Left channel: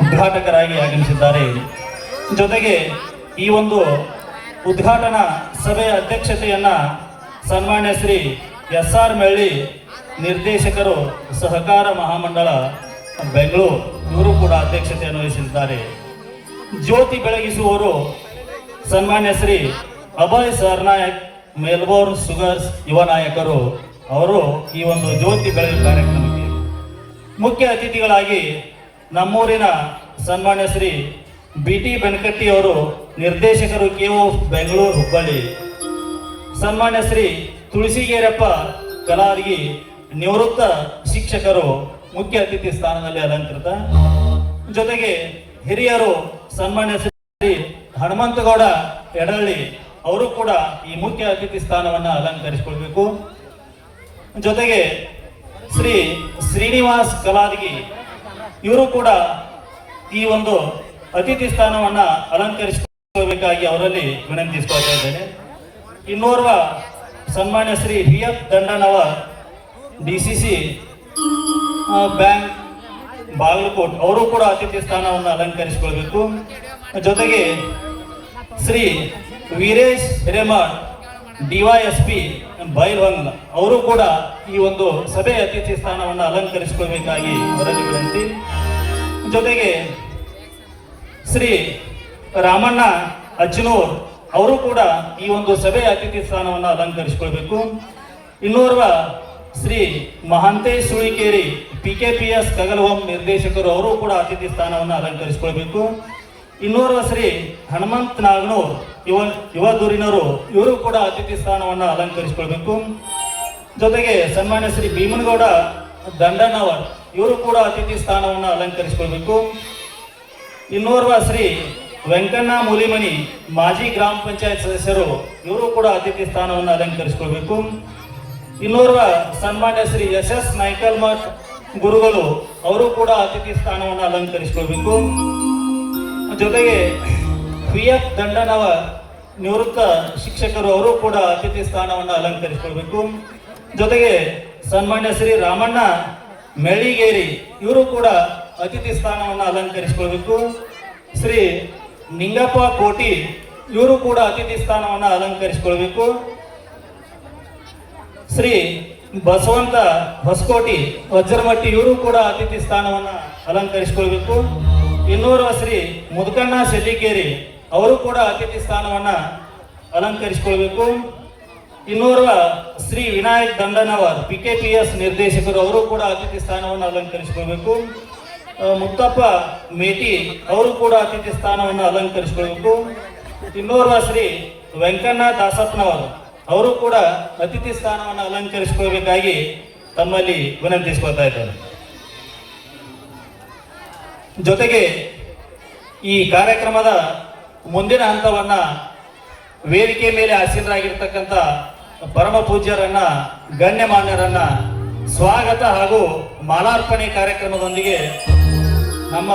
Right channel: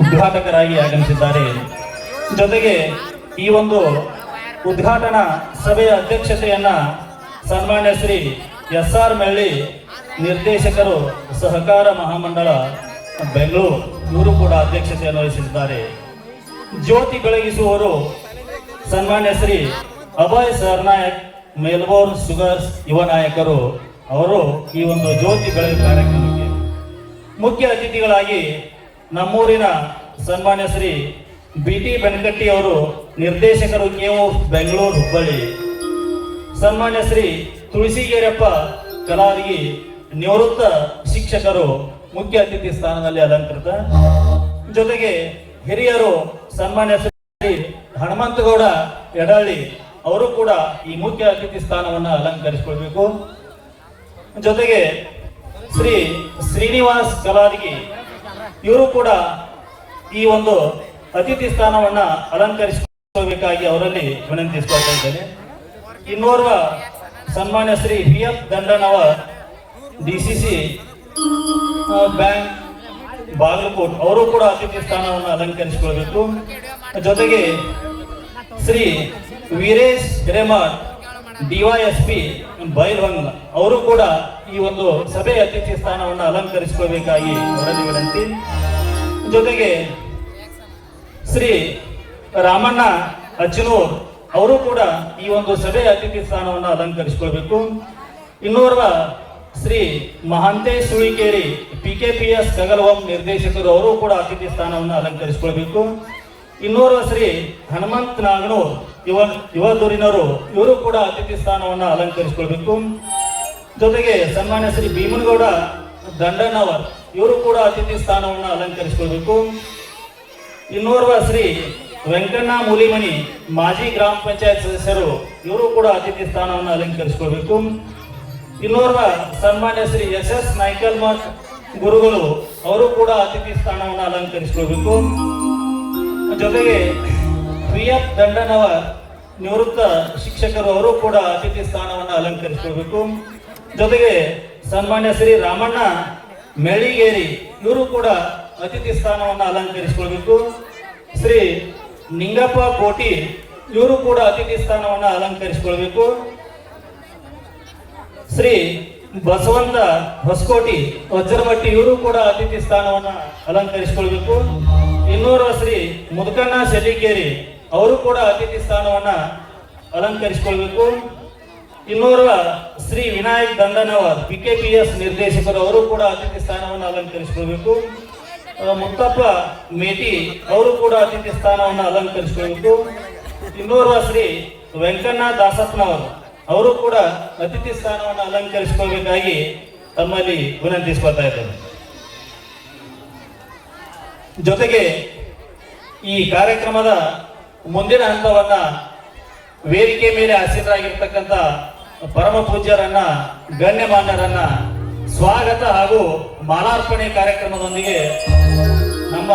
ಉದ್ಘಾಟಕರಾಗಿ ಆಗಮಿಸಿದ್ದಾರೆ. ಜೊತೆಗೆ ಈ ಒಂದು ಉದ್ಘಾಟನಾ ಸಭೆಯ ಅಧ್ಯಕ್ಷತೆಯನ್ನ ಸನ್ಮಾನ್ಯ ಶ್ರೀ SR ಮೆಳ್ಳಿ ನಿರ್ದೇಶಕರು ಸಹಕಾರ ಮಹಾಮಂಡಳ ಬೆಂಗಳೂರು ಇವರು ಕೂಡ ಅಧ್ಯಕ್ಷತೆಯನ್ನು ವಹಿಸಿದ್ದಾರೆ. ಜ್ಯೋತಿ ಬೆಳಗಿಸುವವರು ಸನ್ಮಾನ್ಯ ಶ್ರೀ ಅಭಯ್ ಸರ್ನಾಯಕ್ ಮೆಲ್ಬೋರ್ನ್ ಶುಗರ್ಸ್ ಯುವ ನಾಯಕರು. ಅವರು ಈ ಒಂದು ಜ್ಯೋತಿ ಬೆಳಗು ಕಾರ್ಯಕ್ರಮಕ್ಕೆ ಮುಖ್ಯ ಅತಿಥಿಗಳಾಗಿ ನಮ್ಮೂರಿನ ಸನ್ಮಾನ್ಯ ಶ್ರೀ BT ಬೆನಕಟ್ಟಿ ಅವರು ನಿರ್ದೇಶಕರು KO ಬೆಂಗಳೂರು ಹುಬ್ಬಳ್ಳಿ. ಸನ್ಮಾನ್ಯ ಶ್ರೀ ತುಳಸಿಗೇರಪ್ಪ ಕಲಾವಿಗಿ ನಿವೃತ್ತ ಶಿಕ್ಷಕರು ಮುಖ್ಯ ಅತಿಥಿ ಸ್ಥಾನದಲ್ಲಿ ಅಲಂಕೃತ. ಜೊತೆಗೆ ಹಿರಿಯರು ಸನ್ಮಾನ್ಯ ಶ್ರೀ ಹನುಮಂತಗೌಡ ಯಡಳ್ಳಿ ಅವರು ಕೂಡ ಈ ಮುಖ್ಯ ಅತಿಥಿ ಸ್ಥಾನವನ್ನು ಅಲಂಕರಿಸಿಕೊಳ್ಬೇಕು. ಜೊತೆಗೆ ಶ್ರೀ ಶ್ರೀನಿವಾಸ್ ಕಲಾದಿಗಿ ಇವರು ಕೂಡ ಈ ಒಂದು ಅತಿಥಿ ಸ್ಥಾನವನ್ನ ಅಲಂಕರಿಸಿಕೊಳ್ಳಬೇಕಾಗಿ ಅವರಲ್ಲಿ ವಿನಂತಿಸಿಕೊಳ್ತಾ ಇದ್ದೇನೆ. ಇನ್ನೋರ್ವ ಸನ್ಮಾನ್ಯ Shri VF ದಂಡನವ DCC bank Bagalkot ಅವರು ಕೂಡ ಅತಿಥಿ ಸ್ಥಾನವನ್ನು ಅಲಂಕರಿಸಿಕೊಳ್ಬೇಕು. ಜೊತೆಗೆ ಶ್ರೀ ವೀರೇಶ್ ಹಿರೇಮಠ್ DYSP ಬೈಲ್ವಂಗ್ ಅವರು ಕೂಡ ಈ ಒಂದು ಸಭೆಯ ಅತಿಥಿ ಸ್ಥಾನವನ್ನು ಅಲಂಕರಿಸಿಕೊಳ್ಳಬೇಕಾಗಿ ಅವರಲ್ಲಿ ವಿನಂತಿ. ಜೊತೆಗೆ ಶ್ರೀ ರಾಮಣ್ಣ ಅಜ್ಜನೂರ್ ಅವರು ಕೂಡ ಈ ಒಂದು ಸಭೆಯ ಅತಿಥಿ ಸ್ಥಾನವನ್ನು ಅಲಂಕರಿಸಿಕೊಳ್ಬೇಕು. ಇನ್ನೋರ್ವ ಶ್ರೀ ಮಹಾಂತೇಶ್ ಸುಳಿಕೇರಿ PKPS ಕಗಲವಂ ನಿರ್ದೇಶಕರು ಅವರು ಕೂಡ ಅತಿಥಿ ಸ್ಥಾನವನ್ನು ಅಲಂಕರಿಸಿಕೊಳ್ಬೇಕು. ಇನ್ನೋರ್ವ ಶ್ರೀ ಹನುಮಂತ್ ನಾಗನೂರ್ ಯುವ ಧುರೀಣರು ಇವರು ಕೂಡ ಅತಿಥಿ ಸ್ಥಾನವನ್ನು ಅಲಂಕರಿಸಿಕೊಳ್ಬೇಕು. ಜೊತೆಗೆ ಸನ್ಮಾನ್ಯ ಶ್ರೀ ಭೀಮನಗೌಡ ದಂಡನವರ್ ಇವರು ಕೂಡ ಅತಿಥಿ ಸ್ಥಾನವನ್ನು ಅಲಂಕರಿಸಿಕೊಳ್ಬೇಕು. ಇನ್ನೋರ್ವ ಶ್ರೀ ವೆಂಕಣ್ಣ ಮೂಲಿಮನಿ ಮಾಜಿ ಗ್ರಾಮ ಪಂಚಾಯತ್ ಸದಸ್ಯರು ಇವರು ಕೂಡ ಅತಿಥಿ ಸ್ಥಾನವನ್ನು ಅಲಂಕರಿಸಿಕೊಳ್ಬೇಕು. ಇನ್ನೋರ್ವ ಸನ್ಮಾನ್ಯ ಶ್ರೀ SS ನಾಯ್ಕಲ್ಮಠ್ ಗುರುಗಳು ಅವರು ಕೂಡ ಅತಿಥಿ ಸ್ಥಾನವನ್ನು ಅಲಂಕರಿಸಿಕೊಳ್ಬೇಕು. ಜೊತೆಗೆ VF ದಂಡನವ ನಿವೃತ್ತ ಶಿಕ್ಷಕರು ಅವರು ಕೂಡ ಅತಿಥಿ ಸ್ಥಾನವನ್ನು ಅಲಂಕರಿಸಿಕೊಳ್ಬೇಕು. ಜೊತೆಗೆ ಸನ್ಮಾನ್ಯ ಶ್ರೀ ರಾಮಣ್ಣ ಮೆಳಿಗೇರಿ ಇವರು ಕೂಡ ಅತಿಥಿ ಸ್ಥಾನವನ್ನು ಅಲಂಕರಿಸಿಕೊಳ್ಬೇಕು. ಶ್ರೀ ನಿಂಗಪ್ಪ ಕೋಟಿ ಇವರು ಕೂಡ ಅತಿಥಿ ಸ್ಥಾನವನ್ನು ಅಲಂಕರಿಸಿಕೊಳ್ಬೇಕು. ಶ್ರೀ ಬಸವಂತ ಹೊಸಕೋಟಿ ವಜ್ರಮಟ್ಟಿ ಇವರು ಕೂಡ ಅತಿಥಿ ಸ್ಥಾನವನ್ನು ಅಲಂಕರಿಸಿಕೊಳ್ಬೇಕು. ಇನ್ನೋರ್ವ ಶ್ರೀ ಮುದುಕಣ್ಣ ಶೆಟ್ಟಿಗೇರಿ ಅವರು ಕೂಡ ಅತಿಥಿ ಸ್ಥಾನವನ್ನು ಅಲಂಕರಿಸಿಕೊಳ್ಬೇಕು. ಇನ್ನೋರ್ವ ಶ್ರೀ ವಿನಾಯಕ್ ದಂಡನವರ್ PKPS ನಿರ್ದೇಶಕರು ಅವರು ಕೂಡ ಅತಿಥಿ ಸ್ಥಾನವನ್ನು ಅಲಂಕರಿಸಿಕೊಳ್ಬೇಕು. ಮುತ್ತಪ್ಪ ಮೇಟಿ ಅವರು ಕೂಡ ಅತಿಥಿ ಸ್ಥಾನವನ್ನು ಅಲಂಕರಿಸಿಕೊಳ್ಬೇಕು. ಇನ್ನೋರ್ವ ಶ್ರೀ ವೆಂಕಣ್ಣ ದಾಸಪ್ಪನವರು ಅವರು ಕೂಡ ಅತಿಥಿ ಸ್ಥಾನವನ್ನು ಅಲಂಕರಿಸಿಕೊಳ್ಳಬೇಕಾಗಿ ತಮ್ಮಲ್ಲಿ ವಿನಂತಿಸಿಕೊಳ್ತಾ ಇದ್ದಾರೆ. ಜೊತೆಗೆ ಈ ಕಾರ್ಯಕ್ರಮದ ಮುಂದಿನ ಹಂತವನ್ನ ವೇದಿಕೆ ಮೇಲೆ ಆಸೀನರಾಗಿರ್ತಕ್ಕಂಥ ಪರಮ ಪೂಜ್ಯರನ್ನ ಗಣ್ಯಮಾನ್ಯರನ್ನ ಸ್ವಾಗತ ಹಾಗೂ ಮಾಲಾರ್ಪಣೆ ಕಾರ್ಯಕ್ರಮದೊಂದಿಗೆ ನಮ್ಮ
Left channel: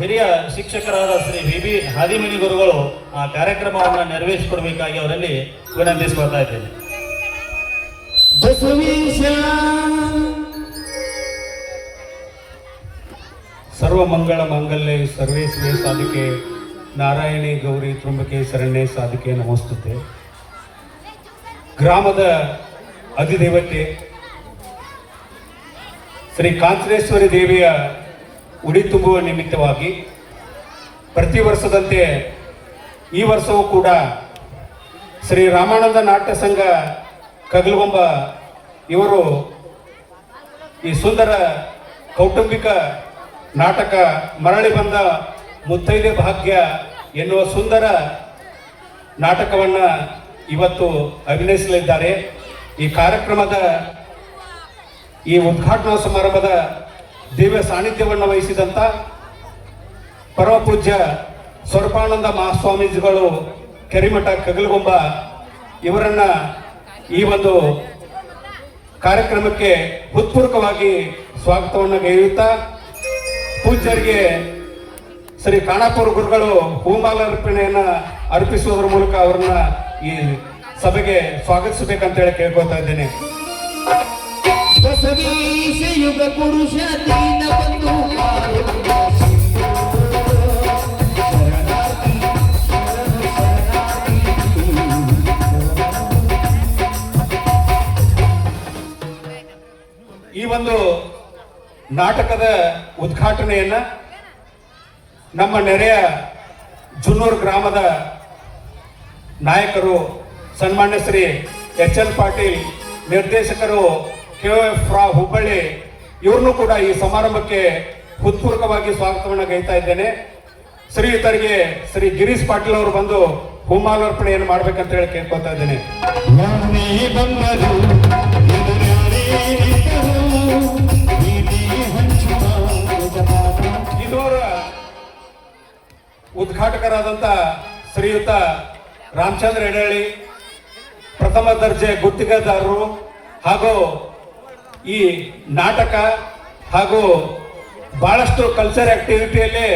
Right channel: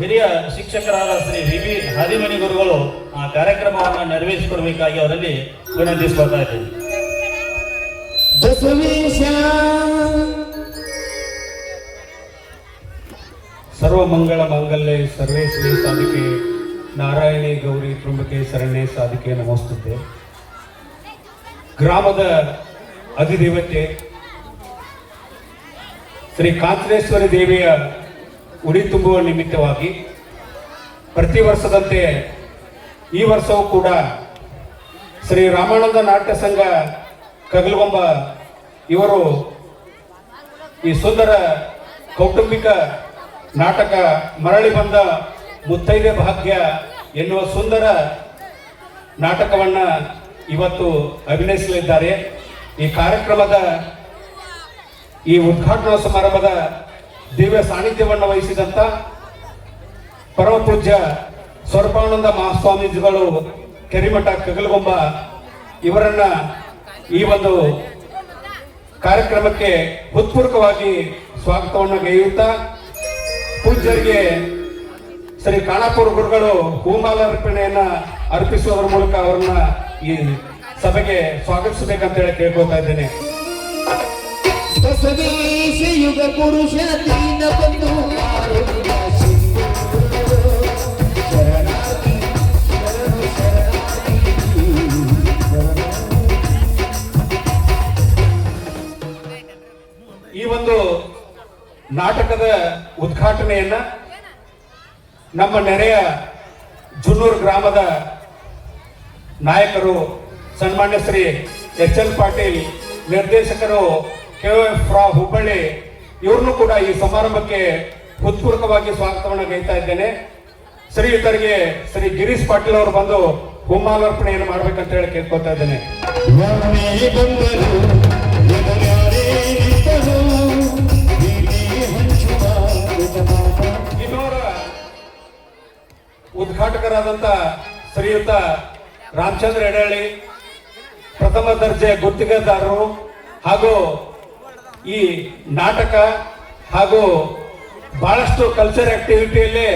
ಹಿರಿಯ ಶಿಕ್ಷಕರಾದ ಶ್ರೀ VB ಹಾದಿಮನಿ ಗುರುಗಳು ಆ ಕಾರ್ಯಕ್ರಮವನ್ನು ನೆರವೇರಿಸಿಕೊಡ್ಬೇಕಾಗಿ ಅವರಲ್ಲಿ ವಿನಂತಿಸಿಕೊಳ್ತಾ ಇದ್ದೇನೆ. ಸರ್ವ ಮಂಗಳ ಮಾಂಗಲ್ಯ ಸರ್ವೇ ಶಿವೆ ಸಾಧಿಕೆ ನಾರಾಯಣಿ ಗೌರಿ ತ್ರುಂಬಕೆ ಶರಣ್ಯೆ ಸಾಧಿಕೆ ನಮೋಸ್ತುತೆ. ಗ್ರಾಮದ ಅಧಿದೇವತೆ ಶ್ರೀ ಕಾಂಚನೇಶ್ವರಿ ದೇವಿಯ ಉಡಿ ತುಂಬುವ ನಿಮಿತ್ತವಾಗಿ ಪ್ರತಿ ವರ್ಷದಂತೆ ಈ ವರ್ಷವೂ ಕೂಡ ಶ್ರೀ ರಾಮಾನಂದ ನಾಟ್ಯ ಸಂಘ ಕಗಲಗೊಂಬ ಇವರು ಈ ಸುಂದರ ಕೌಟುಂಬಿಕ ನಾಟಕ ಮರಳಿ ಬಂದ ಮುತ್ತೈದೆ ಭಾಗ್ಯ ಎನ್ನುವ ಸುಂದರ ನಾಟಕವನ್ನು ಇವತ್ತು ಅಭಿನಯಿಸಲಿದ್ದಾರೆ. ಈ ಕಾರ್ಯಕ್ರಮದ ಈ ಉದ್ಘಾಟನಾ ಸಮಾರಂಭದ ದಿವ್ಯ ಸಾನ್ನಿಧ್ಯವನ್ನು ವಹಿಸಿದಂಥ ಪರಮ ಪೂಜ್ಯ ಸ್ವರೂಪಾನಂದ ಮಹಾಸ್ವಾಮೀಜಿಗಳು ಕೆರಿಮಠ ಕಗಲಗೊಂಬ ಇವರನ್ನ ಈ ಒಂದು ಕಾರ್ಯಕ್ರಮಕ್ಕೆ ಹೃತ್ಪೂರ್ವಕವಾಗಿ ಸ್ವಾಗತವನ್ನು ಗೈಯುತ್ತಾ ಪೂಜ್ಯರಿಗೆ ಶ್ರೀ ಖಾನಾಪುರ ಗುರುಗಳು ಹೂಮಾಲಾರ್ಪಣೆಯನ್ನ ಅರ್ಪಿಸುವುದರ ಮೂಲಕ ಅವರನ್ನ ಈ ಸಭೆಗೆ ಸ್ವಾಗತಿಸಬೇಕಂತೇಳಿ ಕೇಳ್ಕೊಳ್ತಾ ಇದ್ದೇನೆ. ಬಸವೇಶ ಯುಗ ಪುರುಷ ದೀನ ಬಂಧು ನಾಟಕದ ಉದ್ಘಾಟನೆಯನ್ನ ನಮ್ಮ ನೆರೆಯ ಜುನ್ನೂರು ಗ್ರಾಮದ ನಾಯಕರು ಸನ್ಮಾನ್ಯ ಶ್ರೀ ಎಚ್.ಎಲ್. ಪಾಟೀಲ್, ನಿರ್ದೇಶಕರು KOF ಹುಬ್ಬಳ್ಳಿ, ಇವ್ರನ್ನು ಕೂಡ ಈ ಸಮಾರಂಭಕ್ಕೆ ಹೃತ್ಪೂರ್ವಕವಾಗಿ ಸ್ವಾಗತವನ್ನು ಗೈತಾ ಇದ್ದೇನೆ. ಶ್ರೀಯುತರಿಗೆ ಶ್ರೀ ಗಿರೀಶ್ ಪಾಟೀಲ್ ಅವರು ಬಂದು ಹೂಮಾಲಾರ್ಪಣೆಯನ್ನು ಮಾಡ್ಬೇಕಂತ ಹೇಳಿ ಕೇಳ್ಕೊತಾ ಇದ್ದೇನೆ. ಇದರ ಉದ್ಘಾಟಕರಾದಂತ ಶ್ರೀಯುತ ರಾಮಚಂದ್ರ ಎಡಹಳ್ಳಿ, ಪ್ರಥಮ ದರ್ಜೆ ಗುತ್ತಿಗೆದಾರರು ಹಾಗೂ ಈ ನಾಟಕ ಹಾಗೂ ಬಹಳಷ್ಟು ಕಲ್ಚರ್ ಆಕ್ಟಿವಿಟಿಯಲ್ಲಿ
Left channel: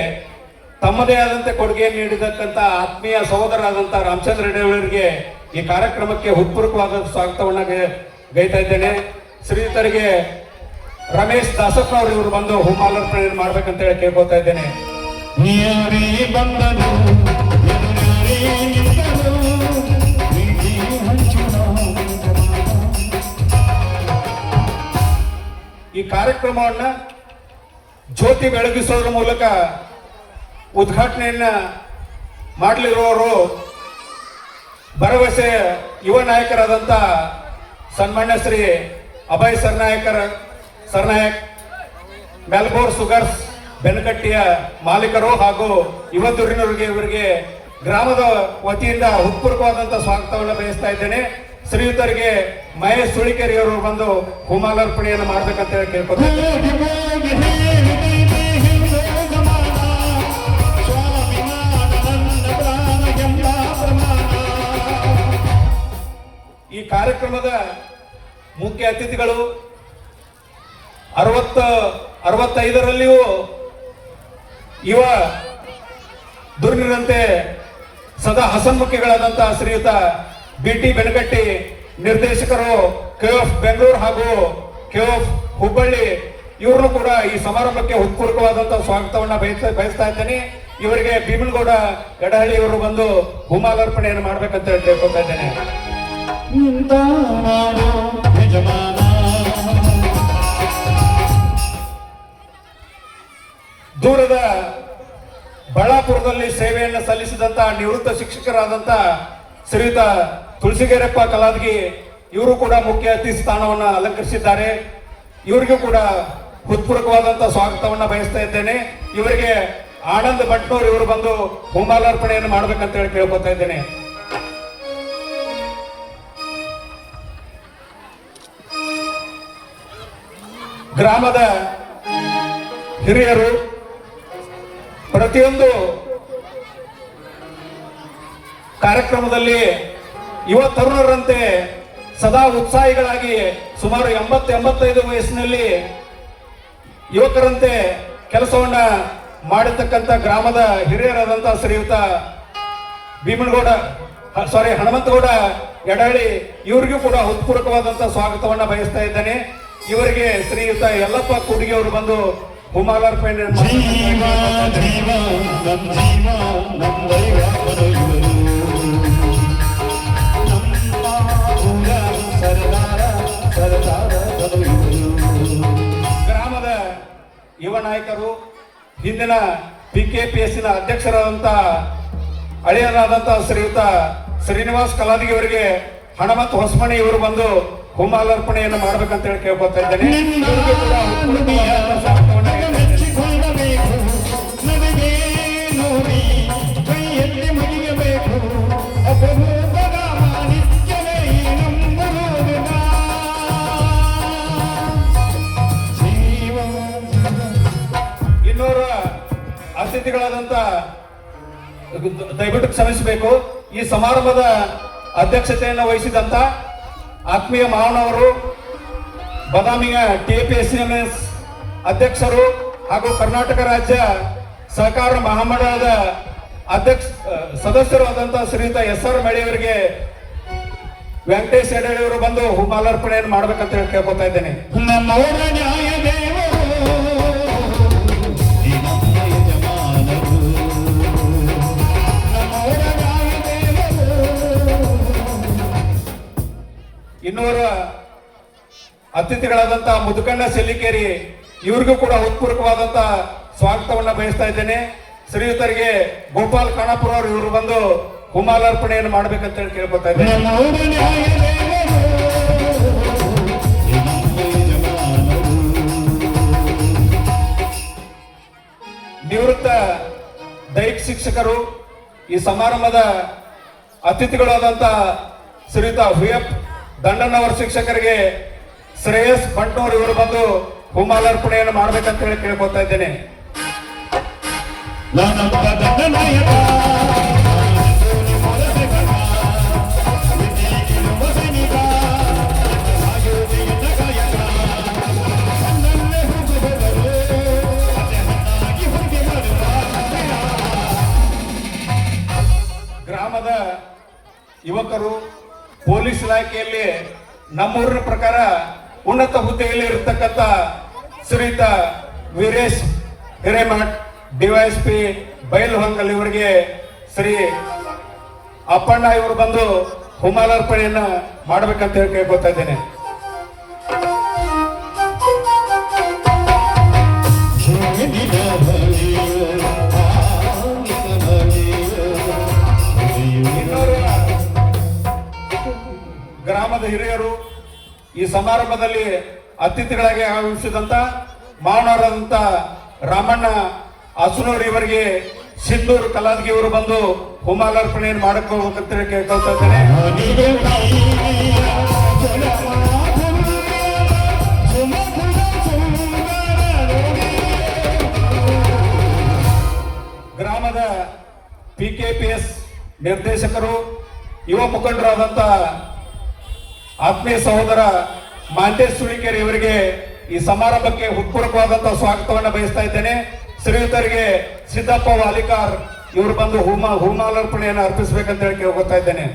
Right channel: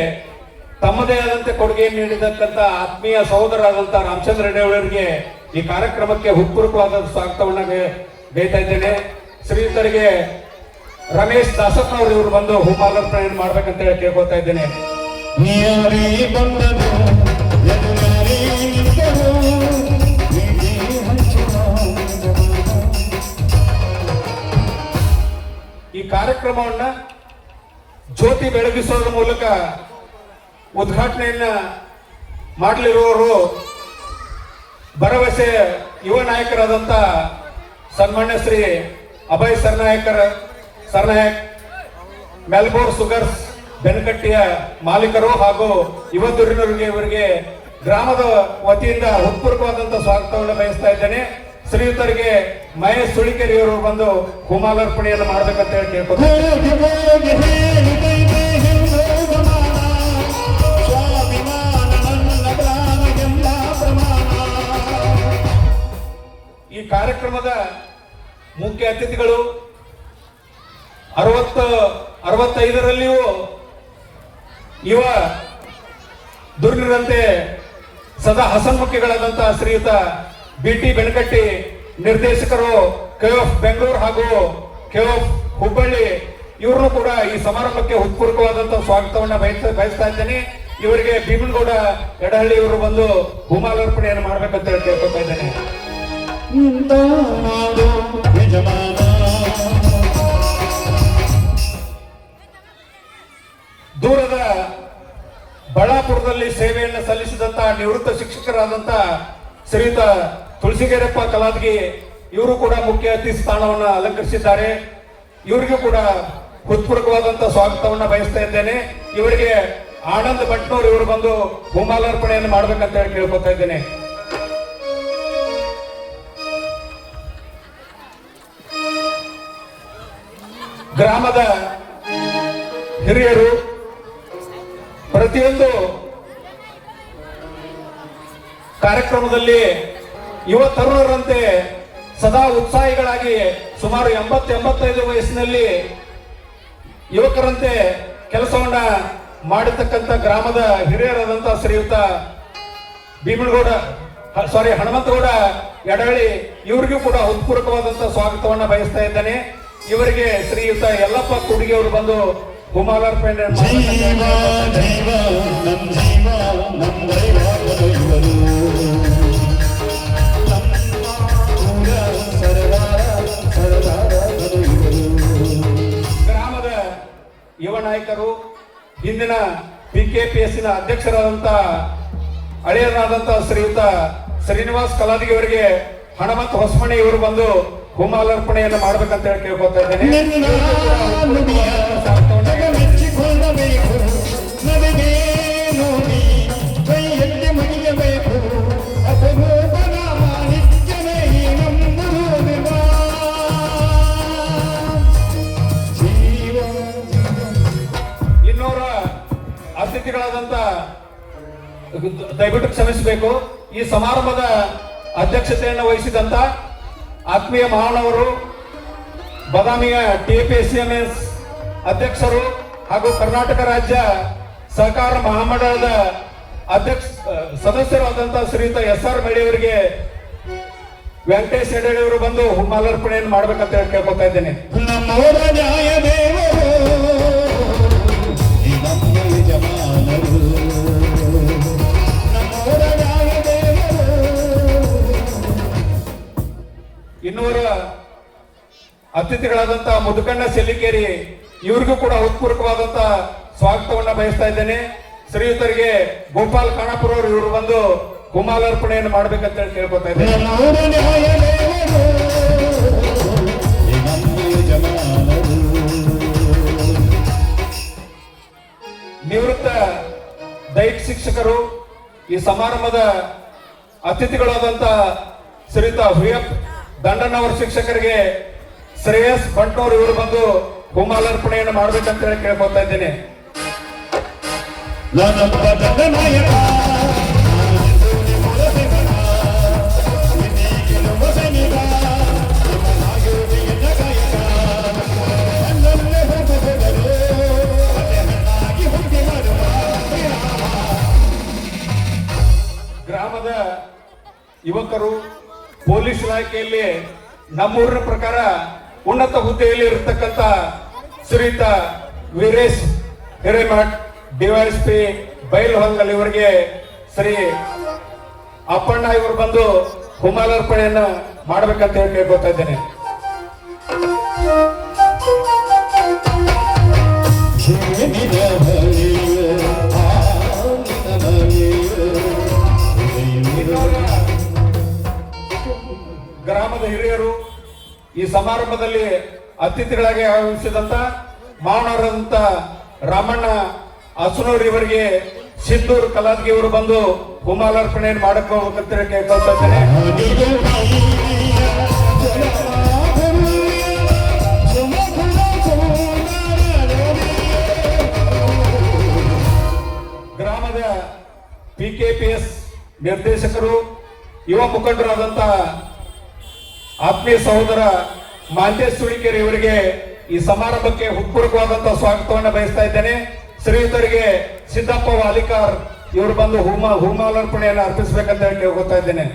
ತಮ್ಮದೇ ಆದಂತೆ ಕೊಡುಗೆಯನ್ನು ನೀಡಿದಕ್ಕಂತ ಆತ್ಮೀಯ ಸಹೋದರರಾದಂತಹ ರಾಮಚಂದ್ರ ಎಡಹಳ್ಳಿಯವರಿಗೆ ಈ ಕಾರ್ಯಕ್ರಮಕ್ಕೆ ಹೃತ್ಪೂರ್ವಕವಾದ ಸ್ವಾಗತವನ್ನು ಗೈತಾ ಇದ್ದೇನೆ. ಶ್ರೀಯುತರಿಗೆ ರಮೇಶ್ ದಾಸಪ್ಪನವರು ಇವರು ಬಂದು ಹೂಮಾಲಾರ್ಪಣೆಯನ್ನು ಮಾಡ್ಬೇಕಂತ ಹೇಳಿ ಕೇಳ್ಕೊತಾ ಇದ್ದೇನೆ. ಈ ಕಾರ್ಯಕ್ರಮವನ್ನ ಜ್ಯೋತಿ ಬೆಳಗಿಸೋದ್ರ ಮೂಲಕ ಉದ್ಘಾಟನೆಯನ್ನ ಮಾಡಲಿರುವವರು ಭರವಸೆ ಯುವ ನಾಯಕರಾದಂತ ಸನ್ಮಾನ್ಯ ಶ್ರೀ ಅಭಯ್ ಸರ್ನಾಯಕ್, ಮೆಲ್ಬೋರ್ ಸುಗರ್ಸ್ ಬೆನಕಟ್ಟಿಯ ಮಾಲೀಕರು ಹಾಗೂ ಯುವ ದುರಿನವರಿಗೆ ಇವರಿಗೆ ಗ್ರಾಮದ ವತಿಯಿಂದ ಹೃತ್ಪೂರ್ವಕವಾದಂತಹ ಸ್ವಾಗತವನ್ನು ಬಯಸ್ತಾ ಇದ್ದೇನೆ. ಶ್ರೀಯುತರಿಗೆ ಮಹೇಶ್ ಸುಳಿಕೆರೆ ಅವರು ಬಂದು ಹೂಮಾಲಾರ್ಪಣೆಯನ್ನು ಮಾಡ್ಬೇಕಂತ ಹೇಳಿ ಕೇಳ್ಕೊತಾರೆ. ಈ ಕಾರ್ಯಕ್ರಮದ ಮುಖ್ಯ ಅತಿಥಿಗಳು 65ರಲ್ಲಿಯೂ ಯುವ ದುರ್ನಿರಂತೆ ಸದಾ ಹಸನ್ಮುಖಿಗಳಾದಂತಹ ಶ್ರೀಯುತ BT ಬೆನಕಟ್ಟಿ, ನಿರ್ದೇಶಕರು KOF ಬೆಂಗಳೂರು ಹಾಗೂ KOF ಹುಬ್ಬಳ್ಳಿ, ಇವರು ಕೂಡ ಈ ಸಮಾರಂಭಕ್ಕೆ ಹೃತ್ಪೂರ್ವಕವಾದಂತಹ ಸ್ವಾಗತವನ್ನ ಬಯಸ್ತಾ ಇದ್ದೇನೆ. ಇವರಿಗೆ ಭೀಮನಗೌಡ ಎಡಹಳ್ಳಿ ಇವರು ಬಂದು ಹೂಮಾಲಾರ್ಪಣೆಯನ್ನು ಮಾಡ್ಬೇಕಂತ ಹೇಳಿ ಕೇಳ್ಕೊತಾ ಇದ್ದೇನೆ. ದೂರದ ಬಳ್ಳಾಪುರದಲ್ಲಿ ಸೇವೆಯನ್ನು ಸಲ್ಲಿಸಿದಂತಹ ನಿವೃತ್ತ ಶಿಕ್ಷಕರಾದಂತ ಶ್ರೀಯುತ ತುಳಸಿಗೇರಪ್ಪ ಕಲಾದಗಿ, ಇವರು ಕೂಡ ಮುಖ್ಯ ಅತಿಥಿ ಸ್ಥಾನವನ್ನು ಅಲಂಕರಿಸಿದ್ದಾರೆ. ಇವರಿಗೂ ಕೂಡ ಹೃತ್ಪೂರ್ವಕವಾದಂತಹ ಸ್ವಾಗತವನ್ನ ಬಯಸ್ತಾ ಇದ್ದೇನೆ. ಇವರಿಗೆ ಆನಂದ್ ಭಟ್ನೂರ್ ಇವರು ಬಂದು ಹೂಮಾಲಾರ್ಪಣೆಯನ್ನು ಮಾಡ್ಬೇಕಂತ ಹೇಳಿ ಕೇಳ್ಕೊತಾ ಇದ್ದೇನೆ. ಗ್ರಾಮದ ಹಿರಿಯರು ಪ್ರತಿಯೊಂದು ಕಾರ್ಯಕ್ರಮದಲ್ಲಿ ಯುವ ತರುಣರಂತೆ ಸದಾ ಉತ್ಸಾಹಿಗಳಾಗಿ ಸುಮಾರು 80-85 ವಯಸ್ಸಿನಲ್ಲಿ ಯುವಕರಂತೆ ಕೆಲಸವನ್ನ ಮಾಡತಕ್ಕಂಥ ಗ್ರಾಮದ ಹಿರಿಯರಾದಂತಹ ಶ್ರೀಯುತ ಹನುಮಂತಗೌಡ ಎಡಹಳ್ಳಿ, ಇವರಿಗೂ ಕೂಡ ಹೃತ್ಪೂರ್ವಕವಾದಂತಹ ಸ್ವಾಗತವನ್ನ ಬಯಸ್ತಾ ಇದ್ದೇನೆ. ಇವರಿಗೆ ಶ್ರೀಯುತ ಯಲ್ಲಪ್ಪ ಕುಡಿಗೆ ಅವರು ಬಂದು ಹೂಮಾಲಾರ್ಪಣೆ ಗ್ರಾಮದ ಯುವ ನಾಯಕರು, ಹಿಂದಿನ PKPSನ ಅಧ್ಯಕ್ಷರಾದಂತಹ ಹಳೆಯರಾದಂತಹ ಶ್ರೀಯುತ ಶ್ರೀನಿವಾಸ್ ಕಲಾದಿಗೆ ಅವರಿಗೆ ಹನುಮಂತ ಹೊಸಮಣಿ ಇವರು ಬಂದು ಹೂಮಾಲಾರ್ಪಣೆಯನ್ನು ಮಾಡ್ಬೇಕಂತ ಹೇಳಿ ಕೇಳ್ಕೊತಾ ಇದ್ದೇನೆ. ಇನ್ನೂರ ಅತಿಥಿಗಳಾದಂತ ದಯವಿಟ್ಟು ಕ್ಷಮಿಸಬೇಕು. ಈ ಸಮಾರಂಭದ ಅಧ್ಯಕ್ಷತೆಯನ್ನು ವಹಿಸಿದಂತ ಆತ್ಮೀಯ ಮಾನವರು, ಬದಾಮಿಯ TPSMS ಅಧ್ಯಕ್ಷರು ಹಾಗೂ ಕರ್ನಾಟಕ ರಾಜ್ಯ ಸಹಕಾರ ಮಹಾಮಂಡಳದ ಸದಸ್ಯರು ಆದಂತಹ ಶ್ರೀಯುತ SR ಮೇಳಿಯವರಿಗೆ ವೆಂಕಟೇಶ್ ಎಡಹಳ್ಳಿಯವರು ಬಂದು ಹೂಮಾಲಾರ್ಪಣೆಯನ್ನು ಮಾಡ್ಬೇಕಂತ ಹೇಳಿ ಕೇಳ್ಕೊತಾ ಇದ್ದೇನೆ. ಇನ್ನೂರ ಅತಿಥಿಗಳಾದಂತಹ ಮುದುಕಣ್ಣ ಸೆಲ್ಲಿಕೇರಿ, ಇವ್ರಿಗೂ ಕೂಡ ಹೃತ್ಪೂರ್ವಕವಾದಂತ ಸ್ವಾಗತವನ್ನ ಬಯಸ್ತಾ ಇದ್ದೇನೆ. ಶ್ರೀಯುತರಿಗೆ ಗೋಪಾಲ್ ಖಾನಾಪುರ ಅವರು ಇವರು ಬಂದು ಹುಮಾಲಾರ್ಪಣೆಯನ್ನು ಮಾಡ್ಬೇಕಂತ ಹೇಳಿ ಕೇಳ್ಕೊತಾ ಇದ್ದೇನೆ. ನಿವೃತ್ತ ದೈಹಿಕ ಶಿಕ್ಷಕರು ಈ ಸಮಾರಂಭದ ಅತಿಥಿಗಳಾದಂತ ಶ್ರೀಯುತ ಹುಯಪ್ ದಂಡಣ್ಣವರ ಶಿಕ್ಷಕರಿಗೆ ಶ್ರೇಯಸ್ ಬಂಟೋರ್ ಇವರು ಬಂದು ಹುಮಾಲಾರ್ಪಣೆಯನ್ನು ಮಾಡ್ಬೇಕಂತ ಹೇಳಿ ಕೇಳ್ಕೊತಾ ಇದ್ದೇನೆ. ಗ್ರಾಮದ ಯುವಕರು ಪೊಲೀಸ್ ಇಲಾಖೆಯಲ್ಲಿ ನಮ್ಮೂರಿನ ಪ್ರಕಾರ ಉನ್ನತ ಹುದ್ದೆಯಲ್ಲಿ ಇರತಕ್ಕಂತ ಶ್ರೀಯುತ ವೀರೇಶ್ ಹಿರೇಮಠ್ ಡಿವೈಎಸ್ಪಿ ಬೈಲ್ಹೊಂಗಲ್ ಇವರಿಗೆ ಶ್ರೀ ಅಪ್ಪಣ್ಣ ಇವರು ಬಂದು ಹುಮಾಲಾರ್ಪಣೆಯನ್ನ ಮಾಡ್ಬೇಕಂತ ಹೇಳಿ ಕೇಳ್ಕೊತಾ ಇದ್ದೇನೆ. ಗ್ರಾಮದ ಹಿರಿಯರು ಈ ಸಮಾರಂಭದಲ್ಲಿ ಅತಿಥಿಗಳಾಗಿ ಆಗಮಿಸಿದಂತ ಮಾನವರಾದಂತ ರಾಮಣ್ಣ ಅಸುನೂರ್ ಇವರಿಗೆ ಸಿದ್ದೂರು ಕಲಾದ್ಗಿ ಇವರು ಬಂದು ಹುಮಾಲಾರ್ಪಣೆಯನ್ನು ಮಾಡಕೋಬೇಕಂತ ಕೇಳ್ಕೊಳ್ತಾ ಇದ್ದೇನೆ. ಗ್ರಾಮದ PKPS ನಿರ್ದೇಶಕರು ಯುವ ಮುಖಂಡರಾದಂತ ಆತ್ಮೀಯ ಸಹೋದರ ಮಾಂತೇಶ್ ಸುಳಿಕೇರಿ ಇವರಿಗೆ ಈ ಸಮಾರಂಭಕ್ಕೆ ಹೃತ್ಪೂರ್ವಕವಾದಂತಹ ಸ್ವಾಗತವನ್ನು ಬಯಸ್ತಾ ಇದ್ದೇನೆ. ಶ್ರೀಯುತರಿಗೆ ಸಿದ್ದಪ್ಪ ವಾಲಿಕಾರ್ ಇವರು ಬಂದು ಹುಮಾಲಾರ್ಪಣೆಯನ್ನು ಅರ್ಪಿಸಬೇಕಂತ ಹೇಳಿ ಕೇಳ್ಕೊತಾ ಇದ್ದೇನೆ.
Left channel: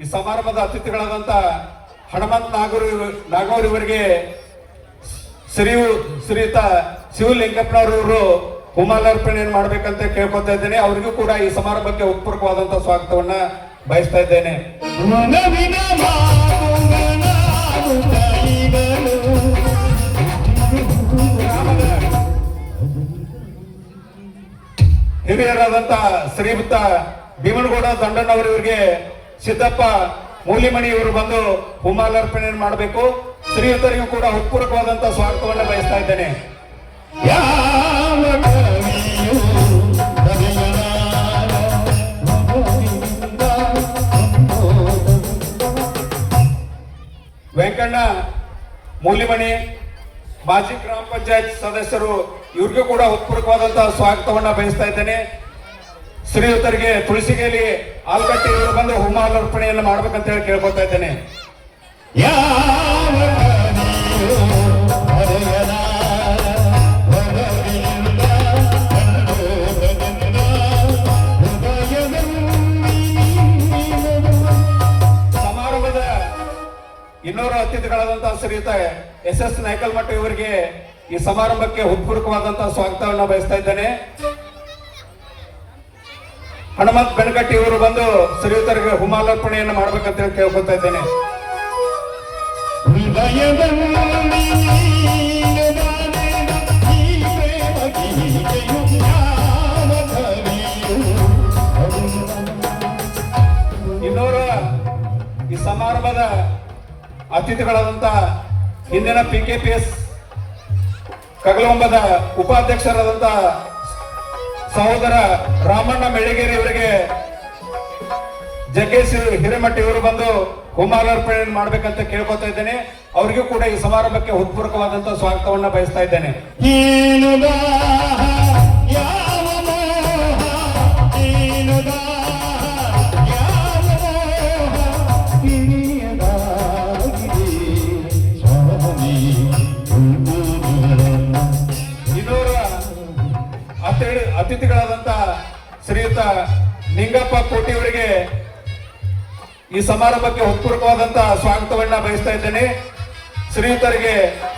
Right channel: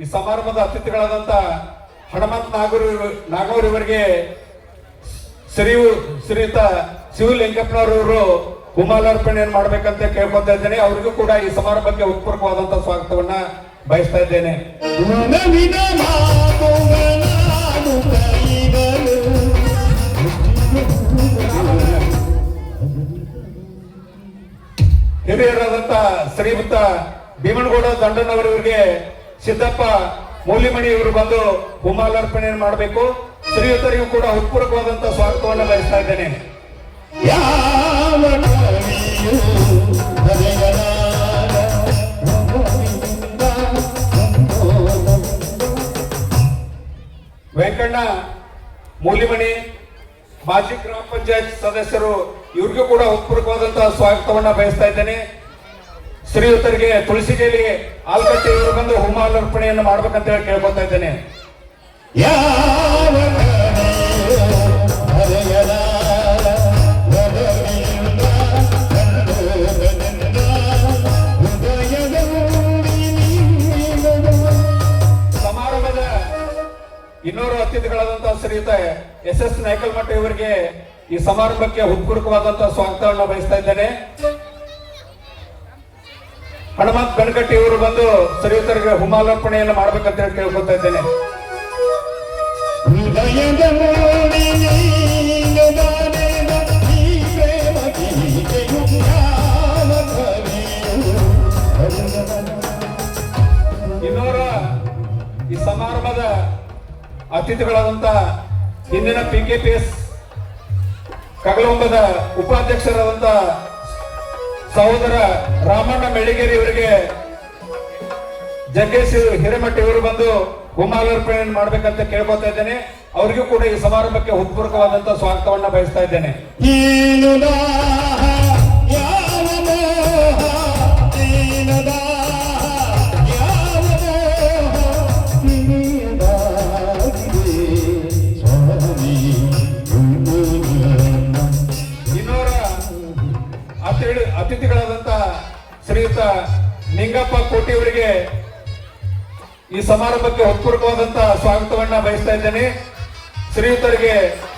ಈ ಸಮಾರಂಭದ ಅತಿಥಿಗಳಾದಂತ ಹನುಮಂತ್ ನಾಗನೂರ್ ಇವರಿಗೆ ಶ್ರೀಯುತ ಶಿವಲಿಂಗಪ್ಪನವರು ಹುಮಾಲಾರ್ಪಣೆಯನ್ನು ಮಾಡ್ಬೇಕಂತ ಕೇಳ್ಕೊತಾ ಇದ್ದೇನೆ. ಅವರಿಗೂ ಕೂಡ ಈ ಸಮಾರಂಭಕ್ಕೆ ಹೃತ್ಪೂರ್ವಕವಾದಂತಹ ಸ್ವಾಗತವನ್ನ ಬಯಸ್ತಾ ಇದ್ದೇನೆ. ಹಿರಿಯರಾದಂತ ಶ್ರೀಯುತ ಭೀಮನಗೌಡ ದಂಡಣ್ಣವರಿಗೆ ಸಿದ್ದಪ್ಪ ಮೂಲಿಮಣಿ ಇವರು ಬಂದು ಹುಮಾಲಾರ್ಪಣೆಯನ್ನು ಮಾಡಬೇಕು. ಶ್ರೀಯುತರಿಗೂ ಕೂಡ ಹೃತ್ಪೂರ್ವಕವಾದಂತಹ ಸ್ವಾಗತವನ್ನು ಬಯಸ್ತಾ ಇದ್ದೇನೆ. ವೆಂಕಣ್ಣ ಮೂಲಿಮಣಿ ಮಾಜಿ ಗ್ರಾಮ ಪಂಚಾಯತ್ ಸದಸ್ಯರು ಇವ್ರಿಗೂ ಕೂಡ ಹೃತ್ಪೂರ್ವಕವಾದಂತಹ ಸ್ವಾಗತವನ್ನ ಬಯಸ್ತಾ ಇದ್ದೇನೆ. ಶ್ರೀಯುತರಿಗೆ ತುಳಸಿಗೇಲಿ ಆಲ್ಗಟ್ಟಿ ಇವರು ಬಂದು ಹುಮಾಲಾರ್ಪಣೆಯನ್ನು ಮಾಡ್ಬೇಕಂತ ಹೇಳಿ ಕೇಳ್ಕೊತಾ ಇದ್ದೇನೆ. ಸಮಾರಂಭದ ಇನ್ನೋರು ಅತಿಥಿಗಳಾದಂತಹ ಶ್ರೀಯುತ SS ನಾಯ್ಕಲ್ಮಠ ಇವರಿಗೆ ಈ ಸಮಾರಂಭಕ್ಕೆ ಹೃತ್ಪೂರ್ವಕವಾದಂತಹ ಸ್ವಾಗತವನ್ನು ಬಯಸ್ತಾ ಇದ್ದೇನೆ. ಹನುಮಂತ್ ಬೆನಕಟ್ಟಿ ಇವರು ಬಂದು ಶ್ರೀಯುತರಿಗೆ ಹುಮಾಲಾರ್ಪಣೆಯನ್ನು ಮಾಡ್ಬೇಕಂತ ಹೇಳಿ ಕೇಳ್ಕೊತಾ ಇದ್ದೇನೆ. ಇನ್ನೋರ ಈ ಸಮಾರಂಭದ ಅತಿಥಿಗಳಾದಂತ ಹಿಂದಿನ PKPS ಕಗಲೊಂಬದ ಉಪಾಧ್ಯಕ್ಷರಾದಂತ ಸಹೋದರ ರಾಮಣ್ಣ ಮೆಳಿಗೇರಿ ಇವರಿಗೆ ಜಗ್ಗೇಶ್ ಹಿರೇಮಠ ಇವರು ಬಂದು ಹುಮಾಲಾರ್ಪಣೆಯನ್ನು ಮಾಡ್ಬೇಕಂತ ಕೇಳ್ಕೊತಾ ಇದ್ದೇನೆ. ಅವರಿಗೂ ಕೂಡ ಈ ಸಮಾರಂಭಕ್ಕೆ ಹೃತ್ಪೂರ್ವಕವಾದಂತಹ ಸ್ವಾಗತವನ್ನ ಬಯಸ್ತಾ ಇದ್ದೇನೆ. ಅತಿಥಿಗಳಾದಂತ ಶ್ರೀಯುತ ನಿಂಗಪ್ಪ ಕೋಟಿ ಅವರಿಗೆ ಈ ಸಮಾರಂಭಕ್ಕೆ ಹೃತ್ಪೂರ್ವಕವಾದಂತಹ ಸ್ವಾಗತವನ್ನ ಬಯಸ್ತಾ ಇದ್ದೇನೆ. ಶ್ರೀಯುತರಿಗೆ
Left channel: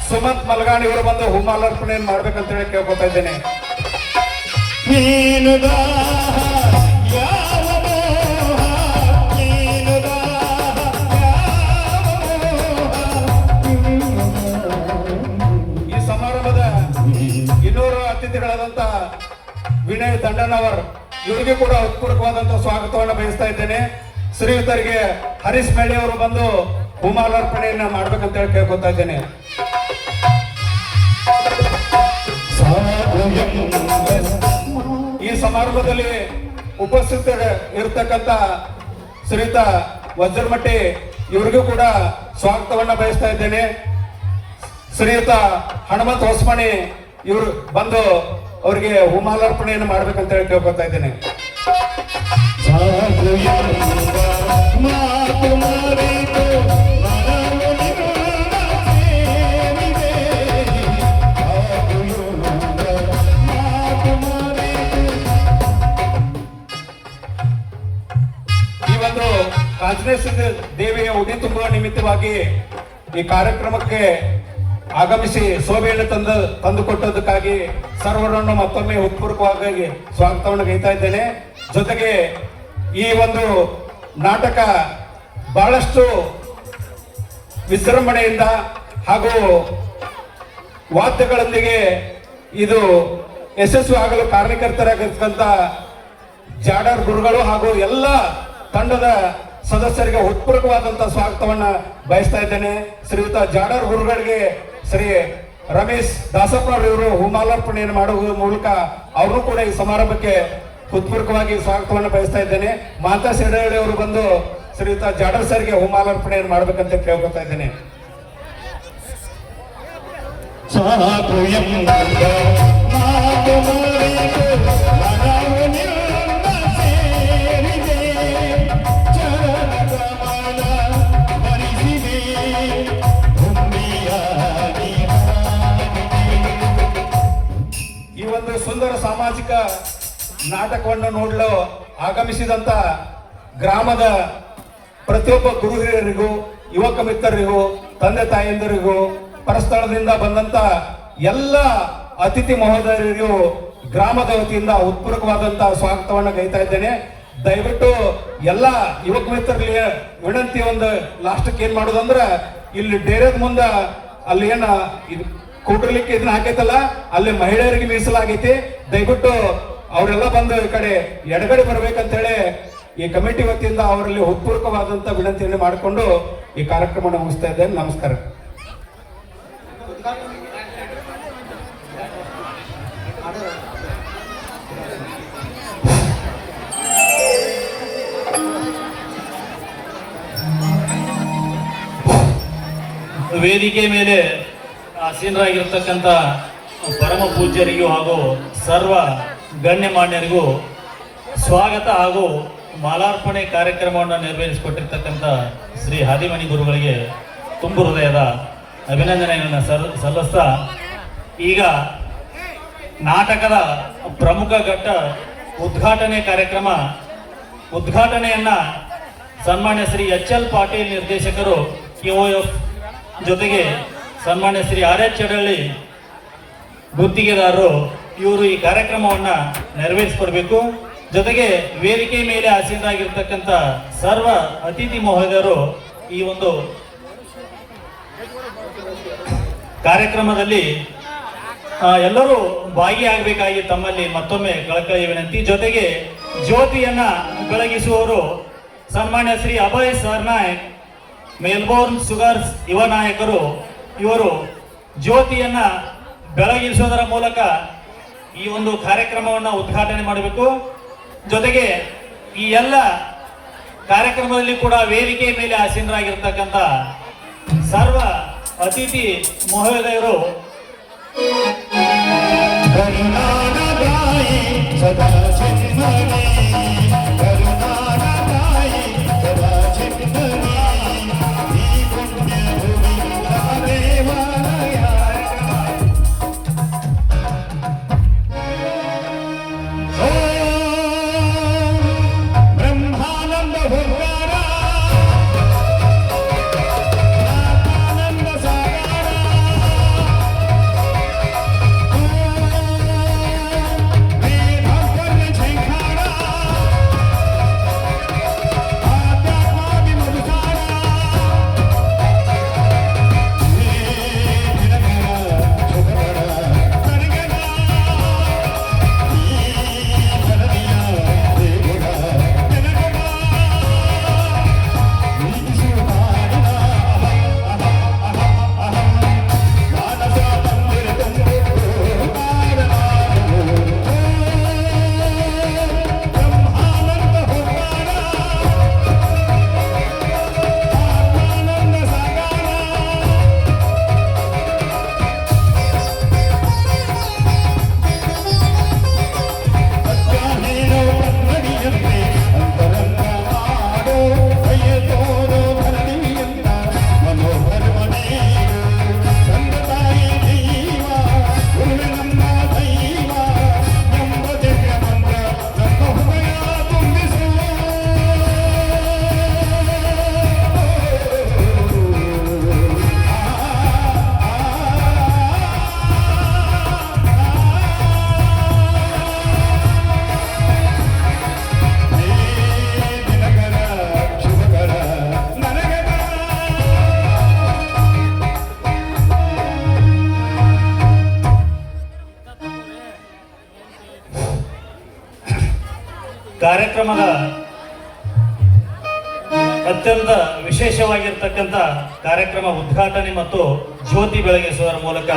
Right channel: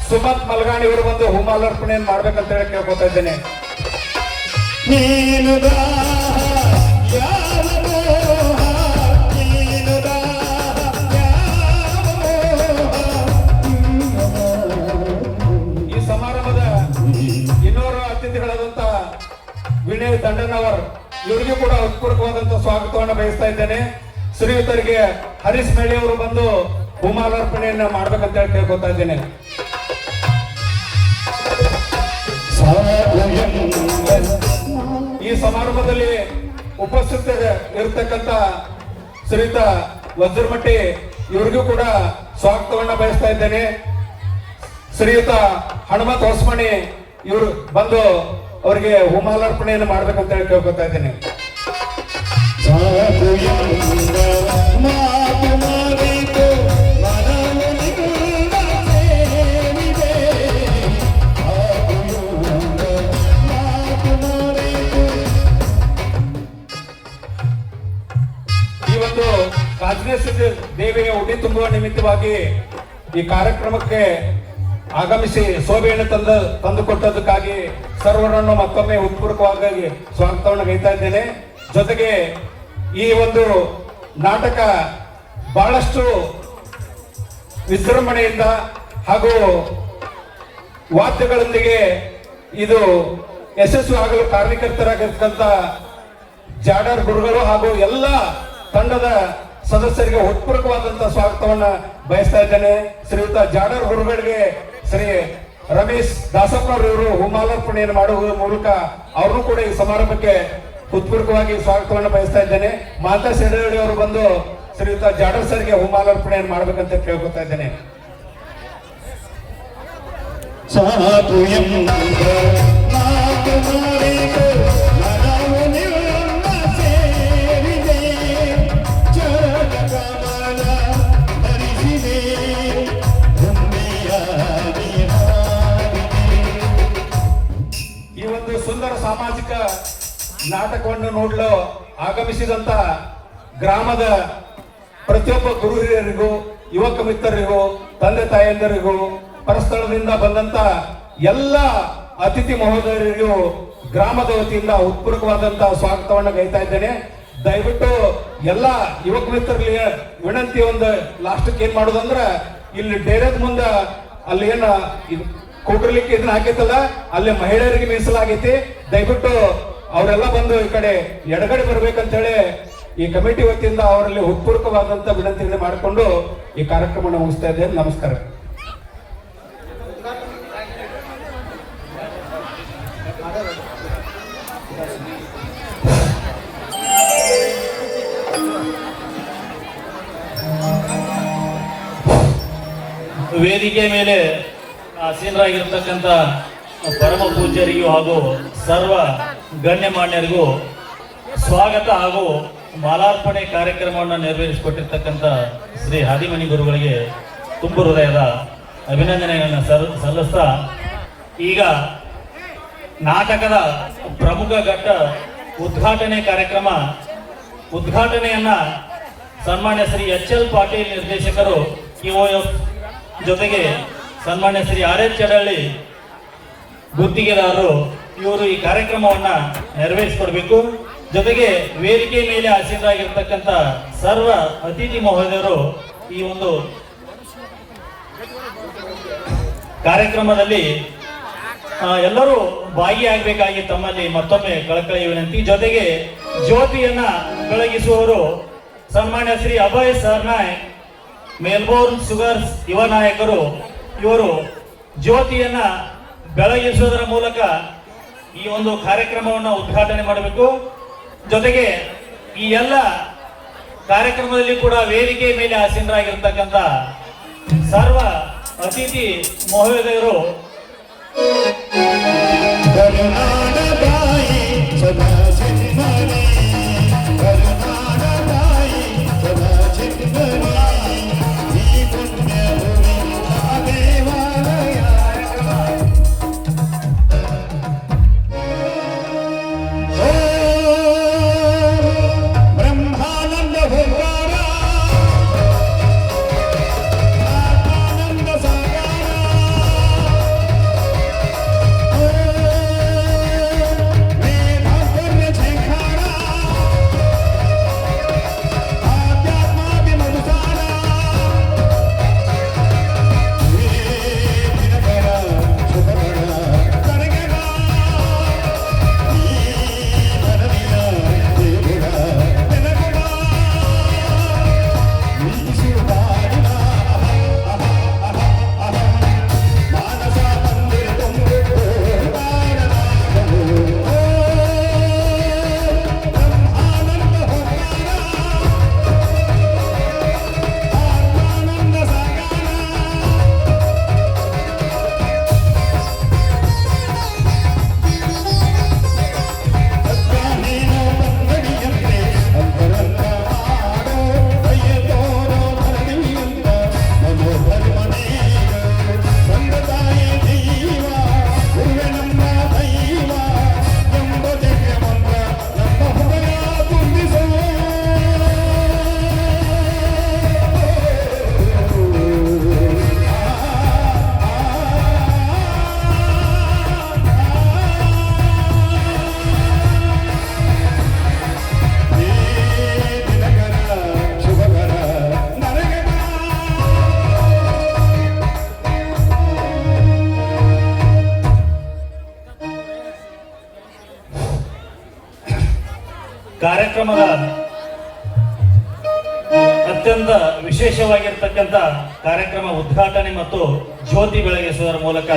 ಸುಮಂತ್ ಮಲ್ಗಾಣಿ ಅವರು ಬಂದು ಹೂಮಾಲಾರ್ಪಣೆಯನ್ನು ಮಾಡ್ಬೇಕಂತ ಹೇಳಿ ಕೇಳ್ಕೊತಾ ಇದ್ದೇನೆ. ಈ ಸಮಾರಂಭದ ಇನ್ನೋರ್ವ ಅತಿಥಿಗಳಾದಂತ ವಿನಯ್ ದಂಡನವರ್ ಇವರಿಗೂ ಕೂಡ ಹೃತ್ಪೂರ್ವಕವಾದಂತಹ ಸ್ವಾಗತವನ್ನು ಬಯಸ್ತಾ ಇದ್ದೇನೆ. ಶ್ರೀಯುತರಿಗೆ ಹರೀಶ್ ಮೇಳಿ ಅವರು ಬಂದು ಹೂಮಾಲಾರ್ಪಣೆಯನ್ನ ಮಾಡ್ಬೇಕಂತ ಹೇಳಿ ಕೇಳ್ಕೊತಾ ಇದ್ದೇನೆ. ಈ ಸಮಾರಂಭದಲ್ಲಿ ಉಪಸ್ಥಿತ ಇರತಕ್ಕಂತ ಶ್ರೀಯುತ ವಜ್ರಮಟ್ಟಿ ಇವರಿಗೂ ಕೂಡ ಸ್ವಾಗತವನ್ನ ಬಯಸ್ತಾ ಇದ್ದೇನೆ. ಶ್ರೀಯುತ ಹನುಮಂತ ಹೊಸಮಣಿ ಇವರು ಬಂದು ಅವರಿಗೆ ಹೂಮಾಲಾರ್ಪಣೆಯನ್ನು ಮಾಡ್ಬೇಕಂತ ಹೇಳಿ ಕೇಳ್ಕೊತಾ ಇದ್ದೇನೆ. ಈ ಒಂದು ರಾಜನೇಶ್ವರಿ ದೇವಿಗೆ ಉಡಿ ತುಂಬುವ ನಿಮಿತ್ತವಾಗಿ ಈ ಕಾರ್ಯಕ್ರಮಕ್ಕೆ ಆಗಮಿಸಿ ಶೋಭೆಯನ್ನು ತಂದುಕೊಟ್ಟದಕ್ಕಾಗಿ ಸರ್ವರನ್ನು ಮತ್ತೊಮ್ಮೆ ಹೃತ್ಪೂರ್ವಕವಾಗಿ ಸ್ವಾಗತವನ್ನು ಗೈತಾ ಇದ್ದೇನೆ. ಜೊತೆಗೆ ಈ ಒಂದು ನಾಟಕ ಬಹಳಷ್ಟು ವಿಜೃಂಭಣೆಯಿಂದ ಹಾಗೂ ವಾದ್ಯಗಳೊಂದಿಗೆ ಇದು ಯಶಸ್ವಿ ಆಗಲು ಕಾರಣಕರ್ತರಾಗಿರ್ತಕ್ಕಂಥ ಜಾಡರ್ ಗುರುಗಳು ಹಾಗೂ ಎಲ್ಲ ತಂಡದ ಸದಸ್ಯರಿಗೆ ಹೃತ್ಪೂರ್ವಕವಾದಂತಹ ಸ್ವಾಗತವನ್ನ ಬಯಸ್ತಾ ಇದ್ದೇನೆ. ಶ್ರೀಯುತ ಜಾಡರ್ ಗುರುಗಳಿಗೆ ಶ್ರೀ ರಮೇಶ್ ದಾಸಪ್ಪನವರು ಹೂಮಾಲಾರ್ಪಣೆಯನ್ನು ಮಾಡುವ ಮೂಲಕ ಅವರು ಕೂಡ ಈ ಸಮಾರಂಭಕ್ಕೆ ಹೃತ್ಪೂರ್ವಕವಾಗಿ ಸ್ವಾಗತವನ್ನು ಬಯಸ್ತಾ ಇದ್ದೇನೆ. ಮಾತಾ ಶಿರಹಳ್ಳಿ ಅವರು ಬಂದು ಶ್ರೀಯುತ ಜಾಡರ್ ಸರ್ಗೆ ಹೂಮಾಲಾರ್ಪಣೆಯನ್ನು ಮಾಡ್ಬೇಕಂತ ಕೇಳ್ಕೊತಾ ಇದ್ದೇನೆ. ಈ ಒಂದು ಸುಂದರ ಸಾಮಾಜಿಕ ನಾಟಕವನ್ನು ನೋಡಲು ಆಗಮಿಸಿದಂತ ಗ್ರಾಮದ ಪ್ರತಿಯೊಬ್ಬ ಗುರು ಹಿರಿಯರಿಗೂ ಯುವಕ ಮಿತ್ರರಿಗೂ ತಂದೆ ತಾಯಂದಿರಿಗೂ ಪರಸ್ಥಳದಿಂದ ಬಂದಂತ ಎಲ್ಲ ಅತಿಥಿ ಮಹೋದಯರಿಗೂ ಗ್ರಾಮದ ವತಿಯಿಂದ ಹೃತ್ಪೂರ್ವಕವಾದಂತಹ ಸ್ವಾಗತವನ್ನು ಗೈತಾ ಇದ್ದೇನೆ. ದಯವಿಟ್ಟು ಎಲ್ಲ ಯುವಕ ಮಿತ್ರರಿಗೆ ವಿನಂತಿ, ಒಂದು ಲಾಸ್ಟ್ಗೆ ಏನ್ ಮಾಡೋದಂದ್ರ ಇಲ್ಲಿ ಡೇರೆದ ಮುಂದ ಅಲ್ಲಿ ಏನ ಕೂಟಲಿಕ್ಕೆ ಇದನ್ನ ಹಾಕೈತಲ್ಲ ಅಲ್ಲಿ ಮಹಿಳೆಯರಿಗೆ ಮೀಸಲಾಗೈತಿ. ದಯವಿಟ್ಟು ಅವರೆಲ್ಲ ಬಂದು ಈ ಕಡೆ ಎಡಗಡೆ ಬರ್ಬೇಕಂತೇಳಿ ಈ ಕಮಿಟಿ ವತಿಯಿಂದ ಅವರಲ್ಲಿ ಹೃತ್ಪೂರ್ವಕವಾದಂತ ವಿನಂತಿಯನ್ನು ಮಾಡಿಕೊಂಡು ಈ ಕಾರ್ಯಕ್ರಮವನ್ನು ಮುಗಿಸ್ತಾ ಇದ್ದೇನೆ. ನಮಸ್ಕಾರ. ವೇದಿಕೆ ಮೇಲೆ ಆಸೀನರಾಗಿರ್ತಕ್ಕಂಥ ಪರಮ ಪೂಜ್ಯರಿಗೂ ಹಾಗೂ ಸರ್ವ ಗಣ್ಯಮಾನ್ಯರಿಗೂ ಸ್ವಾಗತ ಹಾಗೂ ಮಾಲಾರ್ಪಣೆ ಕಾರ್ಯಕ್ರಮವನ್ನು ನೆರವೇರಿಸಿಕೊಟ್ಟಿರ್ತಕ್ಕಂಥ ಶ್ರೀ ಹಾದಿಮನಿ ಗುರುಗಳಿಗೆ ತುಂಬು ಹೃದಯದ ಅಭಿನಂದನೆಗಳನ್ನು ಸಲ್ಲಿಸ್ತಾ ಈಗ ನಾಟಕದ ಪ್ರಮುಖ ಘಟ್ಟ ಉದ್ಘಾಟನೆ ಕಾರ್ಯಕ್ರಮ. ಉದ್ಘಾಟನೆಯನ್ನ ಸನ್ಮಾನ್ಯ ಶ್ರೀ ಎಚ್.ಎಲ್. ಪಾಟೀಲ್ ನಿರ್ದೇಶಕರು QOF ಜೊತೆಗೆ ಸನ್ಮಾನ್ಯ ಶ್ರೀ R.H. ಚಡಳ್ಳಿ ಗುತ್ತಿಗೆದಾರರು ಇವರು ಈ ಕಾರ್ಯಕ್ರಮವನ್ನ ನೆರವೇರಿಸಿಕೊಡ್ಬೇಕು. ಜೊತೆಗೆ ವೇದಿಕೆ ಮೇಲೆ ಆಸೀನರಾಗಿರ್ತಕ್ಕಂಥ ಸರ್ವ ಅತಿಥಿ ಮಹೋದಯರು ಈ ಒಂದು ಕಾರ್ಯಕ್ರಮದಲ್ಲಿ ಎಲ್ಲರೂ ಭಾಗಿಯಾಗಬೇಕಾಗಿ ತಮ್ಮಲ್ಲಿ ಮತ್ತೊಮ್ಮೆ ಕಳಕಳಿ ವಿನಂತಿ. ಜೊತೆಗೆ ಜ್ಯೋತಿಯನ್ನ ಬೆಳಗಿಸುವವರು ಸನ್ಮಾನ್ಯ ಶ್ರೀ ಅಭಯ್ ಸರ್ನಾಯಕ್, ಮೆಲ್ಬೋರ್ನ್ ಶುಗರ್ಸ್ ಯುವ ನಾಯಕರು. ಇವರು ಜ್ಯೋತಿಯನ್ನ ಬೆಳಗಿಸುವುದರ ಮೂಲಕ ಈ ಒಂದು ಕಾರ್ಯಕ್ರಮವನ್ನು ಉದ್ಘಾಟನೆ ಮಾಡಬೇಕು. ಜೊತೆಗೆ ಈ ಎಲ್ಲ ಕಾರ್ಯಕ್ರಮದಲ್ಲಿ ಕೂಡ ವೇದಿಕೆ ಮೇಲೆ ಆಸೀನರಾಗಿರ್ತಕ್ಕಂಥ ಸರ್ವ ಅತಿಥಿ ಮಹೋದಯರು ಕಾರ್ಯಕ್ರಮದ ಅತ್ಯಂತ ವಿಶೇಷವಾಗಿರ್ತಕ್ಕಂಥ ಕಾರ್ಯಕ್ರಮ ಉದ್ಘಾಟನೆ ಮತ್ತು ಜ್ಯೋತಿ ಬೆಳಗಿಸುವುದರ ಮೂಲಕ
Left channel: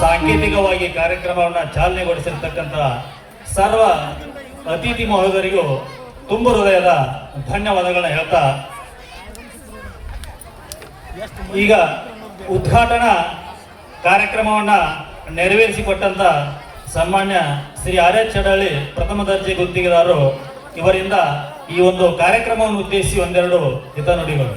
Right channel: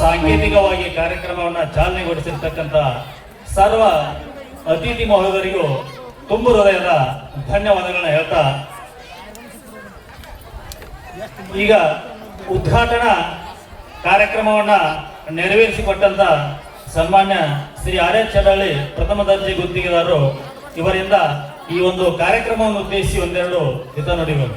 ಸಾಂಕೇತಿಕವಾಗಿ ಕಾರ್ಯಕ್ರಮವನ್ನು ಚಾಲನೆಗೊಳಿಸಿರ್ತಕ್ಕಂಥ ಸರ್ವ ಅತಿಥಿ ಮಹೋದಯರಿಗೂ ತುಂಬು ಹೃದಯದ ಧನ್ಯವಾದಗಳನ್ನ ಹೇಳ್ತಾ ಈಗ ಉದ್ಘಾಟನಾ ಕಾರ್ಯಕ್ರಮವನ್ನ ನೆರವೇರಿಸಿಕೊಟ್ಟಂತ ಸನ್ಮಾನ್ಯ ಶ್ರೀ ಆರ್ ಎಚ್ ಚಡಳ್ಳಿ ಪ್ರಥಮ ದರ್ಜೆ ಗುತ್ತಿಗೆದಾರರು ಇವರಿಂದ ಈ ಒಂದು ಕಾರ್ಯಕ್ರಮವನ್ನು ಉದ್ದೇಶಿಸಿ ಒಂದೆರಡು ಹಿತನುಡಿಗಳು.